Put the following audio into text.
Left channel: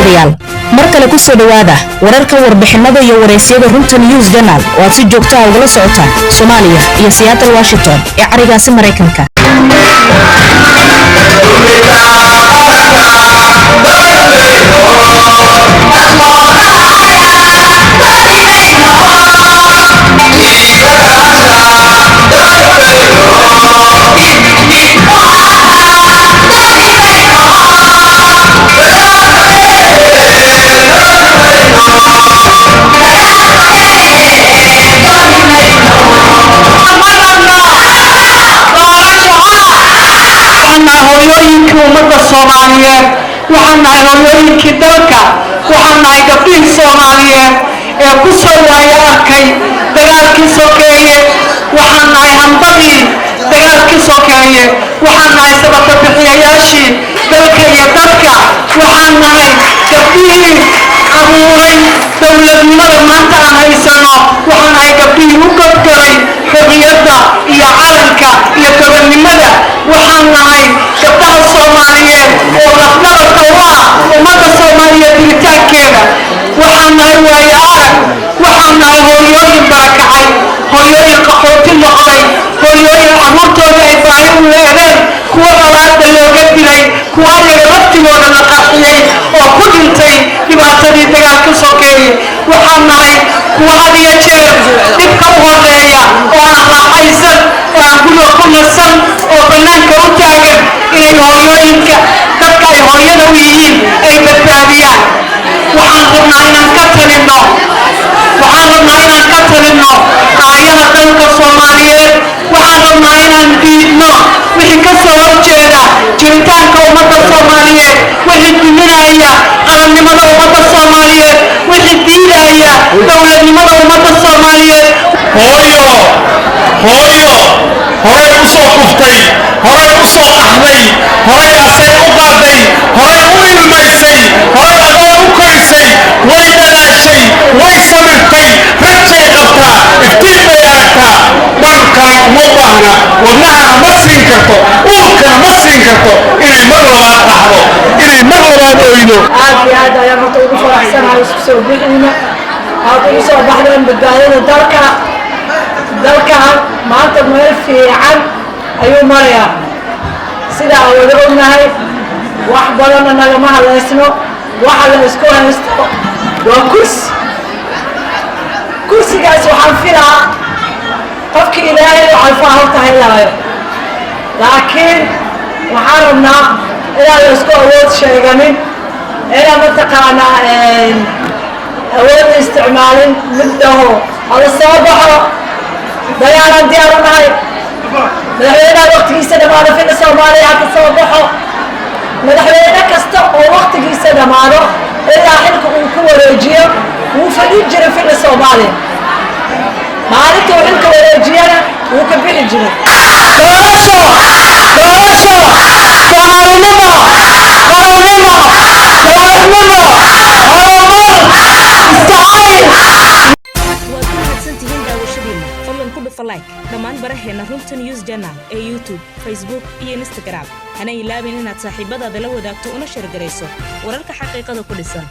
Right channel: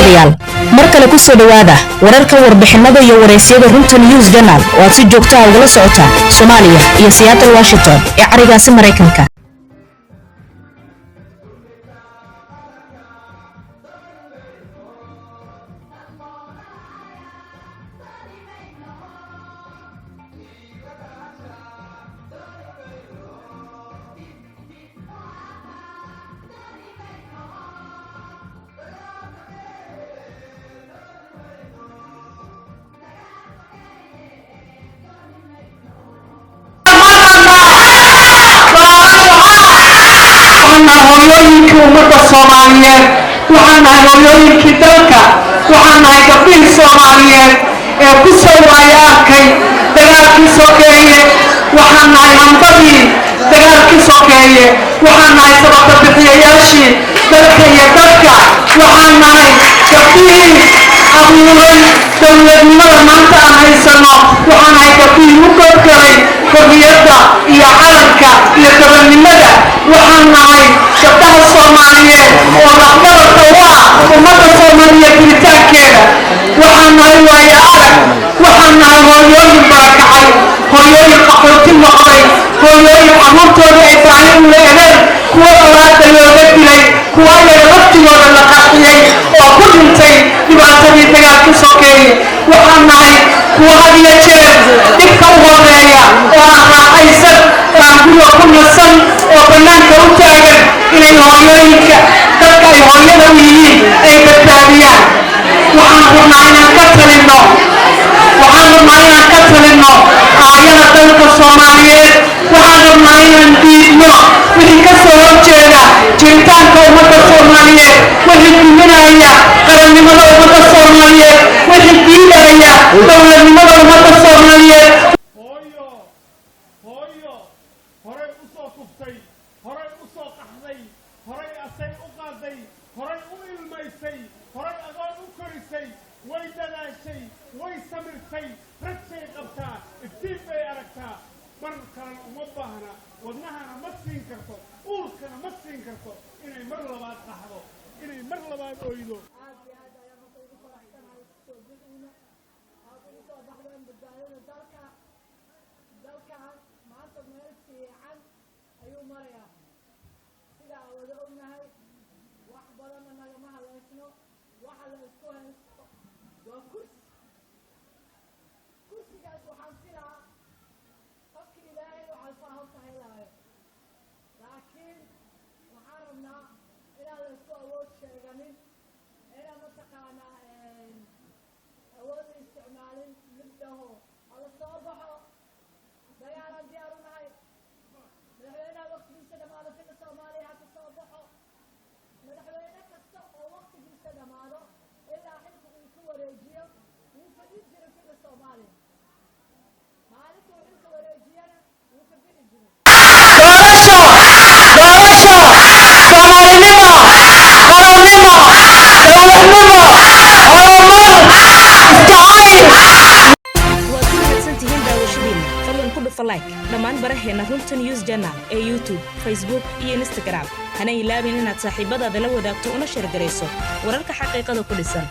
daawadayaal markale ku soo dhawaada wararka warbixinada iyo wareysyada runta news journal oo aad si joogto ah ugala socotaan Soomaaliya iyo Seattle Washington ee carigaasi Mareykanka. hooyooyinka ummadda Soomaaliyeed waxaan nahay hooyooyinkii dalka waxaan nahay gabdhihii Soomaaliyeed ee ku soo waaya arkay dagaalkii sokeeye waxaan nahay hambadii dagaalkii sokeeye waxaan nahay sababta bixiyayaashii dalka iyo dadka waxaan nahay gabdhihii abuuray dowladnimada maanta aan haysano waxaan nahay gabdhihii u gabgalay xorriyadda iyo calanka iyo gobonnimada waxaan nahay gabdhaha Soomaaliyeed oo lafdhabarta u ah ummadda Soomaaliyeed jiritaankeeda waxaan nahay waayo arag waxaan nahay hooyooyin barakacay hooyooyin qaxooti noqday hooyooyin abuurtooda ay baahi u leedeen kuwa awlaadda looga dilay kuwa ayaga laftigooda la qaxiyey oo ku dhintay dhibaatadii dagaalka sokeeye waxaan nahay kuwa had iyo jeer dhibka u horeeya oo aan raaxaysan oo aan guriga ku nasan oo bannaanka u taagan inay hooyooyinka dadka ay hooyada u yihiin ay badbaadiyaan waxaan rabnaa inaan ka talinno aayada dalka Soomaaliyeed waxaan rabnaa inaan diidno wixii ka soo horjeeda jiritaanka ummadda Soomaaliyeed wixii duminaya qarannimada ummadda Soomaaliyeed wixii diidaya dowladnimada ummadda Soomaaliyeed hooyo horay u soo kuftay horay u soo qaxday horay asay u qaaday horay u ilmaysay horay adoon u korisay way dadaashay way samirtay rajay qabtaa iftiin bay aragtaa dharkana uma baahna wadnaha ma siin karto uurkana ma siin karto inay mar labaad qaxdo inay mar labaad oydo aad iyo aad ayaan horta ugu faraxsanahay isku soo bixina aad ugu soo baxdeen badbaadada dalkan maanta meel fiican ayuu marayaa sida aan wada ognahay wax badanna nagama haleysno waxa la isku haysto waa kursigaas waxaan filaa qofkii ilaahay u calfaa horta helaayo laakiin waxaan rabnaa inaan la isku awood sheeganin inaan mataqaanaa awood isticmaalin middaho hala soo baxo dagaalaan diyaar u nahay madaxweynaha waqtigiisa dhammaado filla Soomaaliya ha ka soo baxo madaxweyne kasta oo waqtigiisa dhammaado ilaa xilka uu ku wareejiyo wuu fadhin jiray filla Soomaaliya maalinta uu xilka wareejiyana wuu ka bixi jiray doorasho Soomaalinimo qarannimo dowladnimo horumar istacayl fadlan ku dhufa like dhammaan baraheena runta news journal ee YouTube, Facebook iyo Instagram hana ilaabin inaad saaxiibadaada la wadaagto una share gareyso wararka xaqiiqada ku dhisan